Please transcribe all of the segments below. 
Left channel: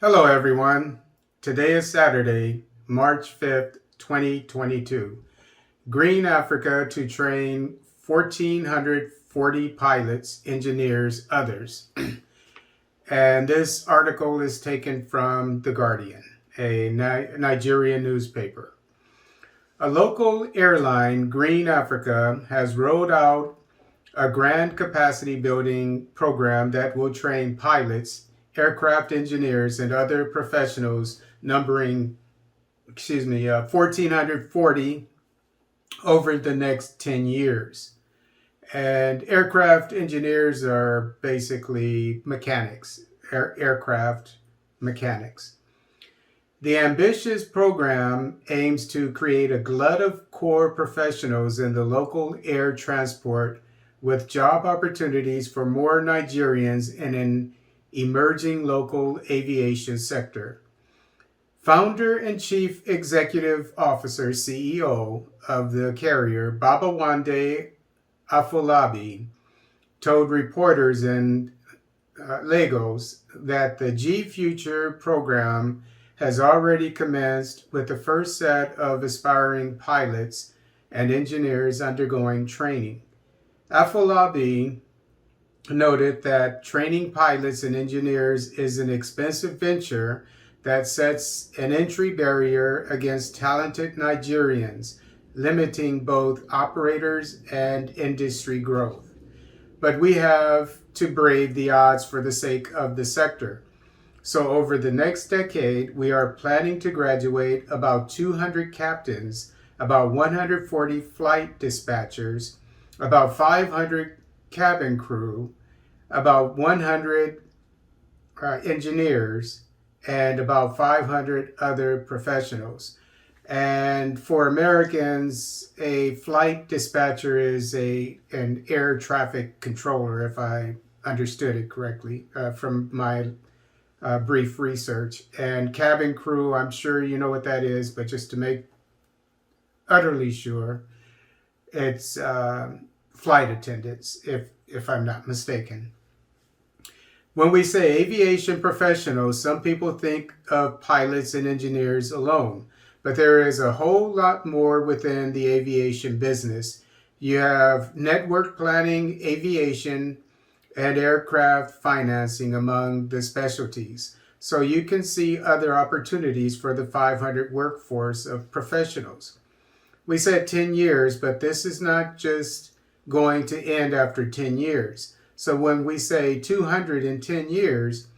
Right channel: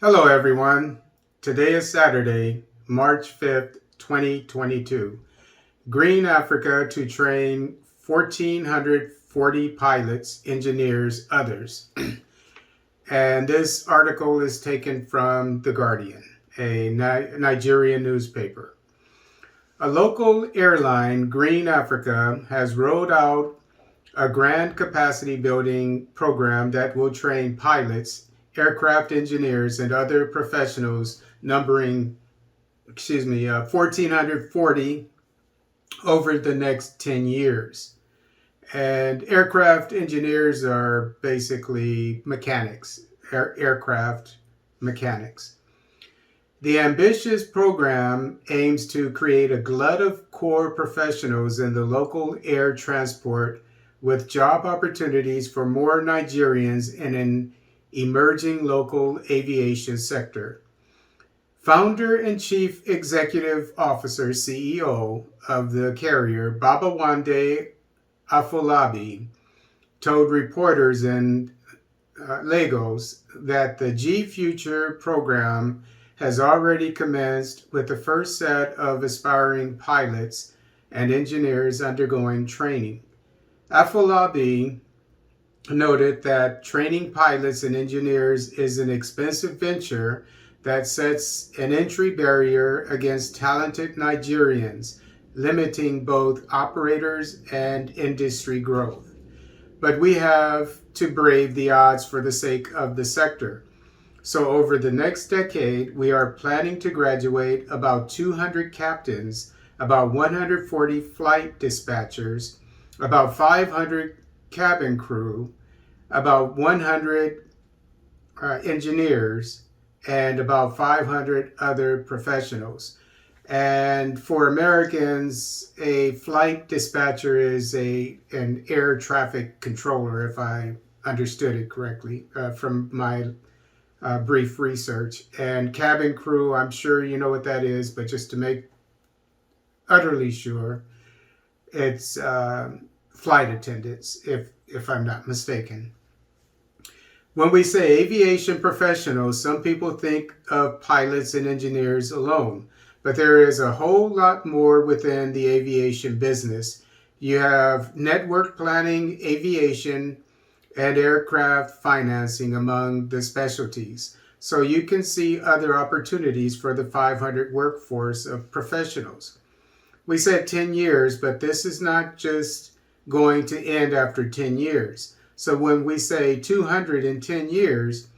Hello, everyone. Today is Saturday, March 5th, 2022. Green Africa to train 1,440 pilots, engineers, others. And this article is taken from The Guardian, a Nigerian newspaper. A local airline, Green Africa, has rolled out a grand capacity building program that will train pilots, aircraft engineers, and other professionals numbering 1,440 over the next 10 years. And aircraft engineers are basically mechanics, aircraft mechanics. The ambitious program aims to create a glut of core professionals in the local air transport with job opportunities for more Nigerians in an emerging local aviation sector. Founder and Chief Executive Officer CEO of the carrier, Babawande Afolabi, told reporters in Lagos that the G Future program has already commenced with the first set of aspiring pilots and engineers undergoing training. Afolabi noted that training pilots and engineers is an expensive venture that sets an entry barrier against talented Nigerians, limiting both operators and industry growth. But we have to brave the odds for the sake of the sector. So over the next decade, we are planning to graduate about 200 captains, about 140 flight dispatchers, about 500 cabin crew, about 100 engineers, and about 500 other professionals. And for Americans, a flight dispatcher is an air traffic controller, if I understood it correctly from my brief research. And cabin crew, I'm sure you know what that is, but just to make utterly sure, it's flight attendants, if I'm not mistaken. When we say aviation professionals, some people think of pilots and engineers alone, but there is a whole lot more within the aviation business. You have network planning, aviation, and aircraft financing among the specialties. So you can see other opportunities for the 500 workforce of professionals. We said 10 years, but this is not just going to end after 10 years. So when we say 210 years,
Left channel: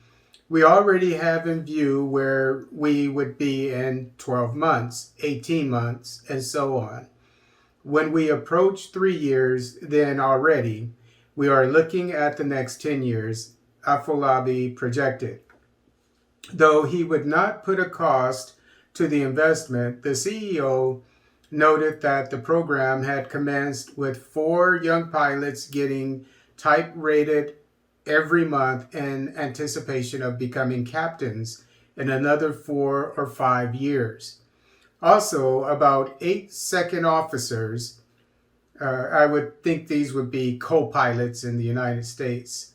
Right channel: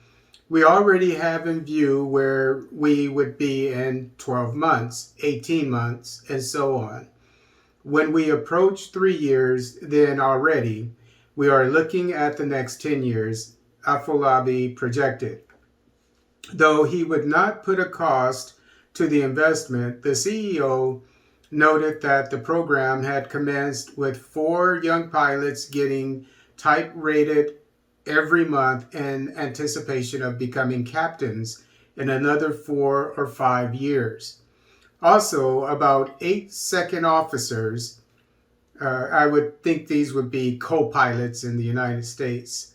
we already have in view where we would be in 12 months, 18 months, and so on. When we approach 3 years, then already we are looking at the next 10 years, Afolabi projected. Though he would not put a cost to the investment, the CEO noted that the program had commenced with 4 young pilots getting type rated every month in anticipation of becoming captains in another 4 or 5 years. Also, about 8 second officers, I would think these would be co-pilots in the United States,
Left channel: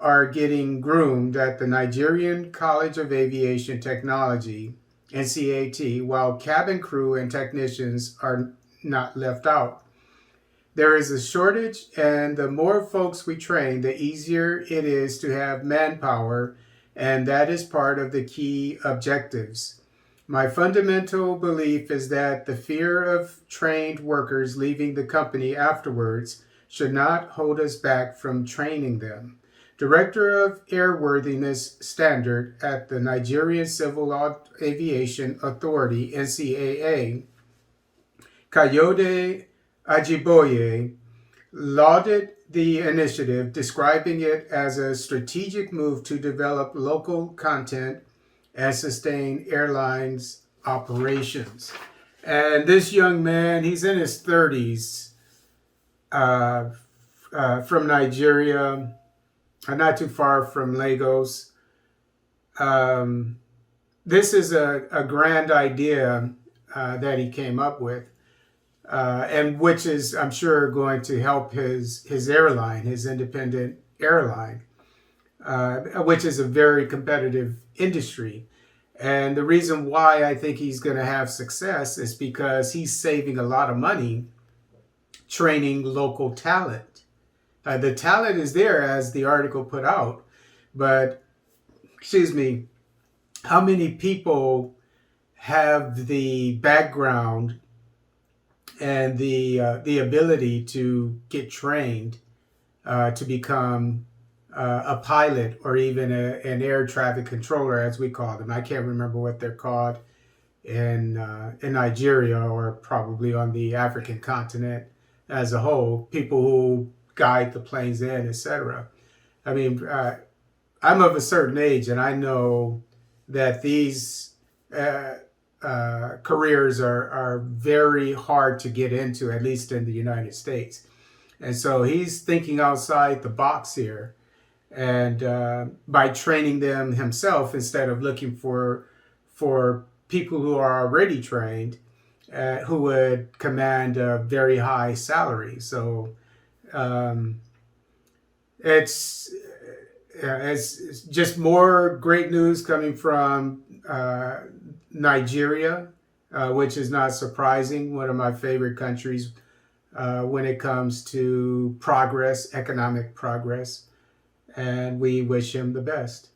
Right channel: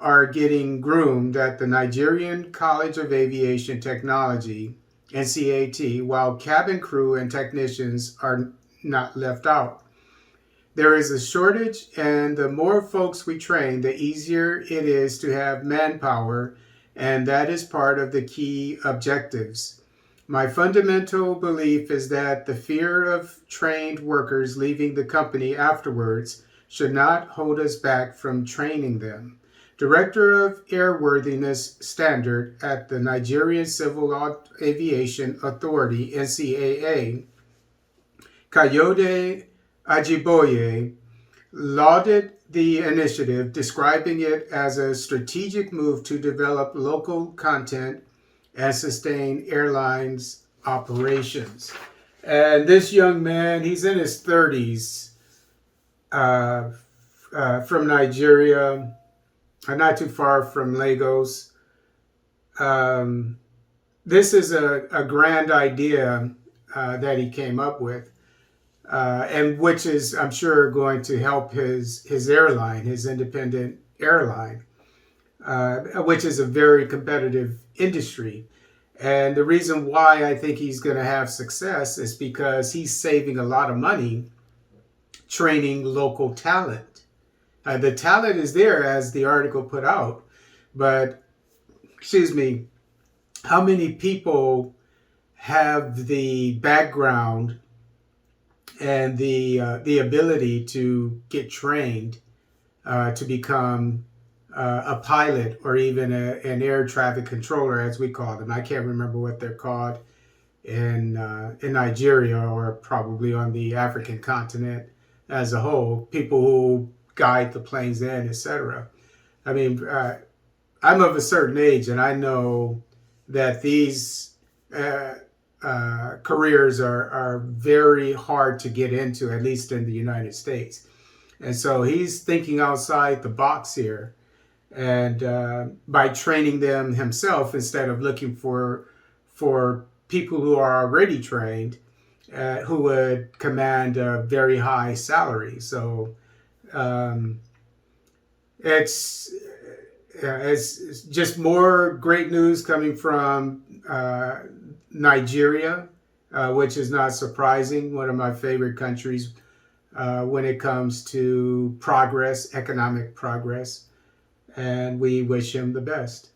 are getting groomed at the Nigerian College of Aviation Technology, NCAT, while cabin crew and technicians are not left out. There is a shortage, and the more folks we train, the easier it is to have manpower, and that is part of the key objectives. My fundamental belief is that the fear of trained workers leaving the company afterwards should not hold us back from training them. Director of Airworthiness Standard at the Nigerian Civil Aviation Authority, NCAA, Kayode Ajiboye, lauded the initiative, describing it as a strategic move to develop local content and sustain airlines operations. And this young man, he's in his 30s, from Nigeria, not too far from Lagos. This is a grand idea that he came up with. And which is, I'm sure, going to help his airline, his independent airline. which is a very competitive industry. And the reason why I think he's going to have success is because he's saving a lot of money training local talent. The talent is there, as the article put out, but excuse me, how many people have the background and the ability to get trained to become a pilot or even an air traffic controller, as we call them? I can't remember what they're called in Nigeria or probably on the African continent as a whole. People who guide the planes in, etc. I mean, I'm of a certain age, and I know that these careers are very hard to get into, at least in the United States. And so he's thinking outside the box here, and by training them himself instead of looking for people who are already trained, who would command a very high salary. So um, it's it's just more great news coming from Nigeria, which is not surprising. One of my favorite countries when it comes to progress, economic progress. And we wish him the best.